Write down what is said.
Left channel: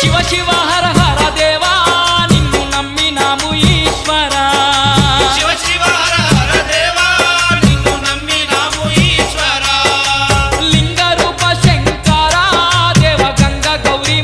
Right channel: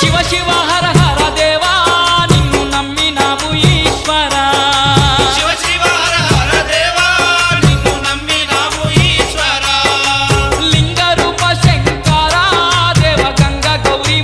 శివ శివ హర హర దేవా నిన్ను నమ్మినాము ఈశ్వరా శివ శివ హర హర దేవా నిన్ను నమ్మినాము ఈశ్వరా లింగ రూప శంకరా దేవ గంగ గౌరీ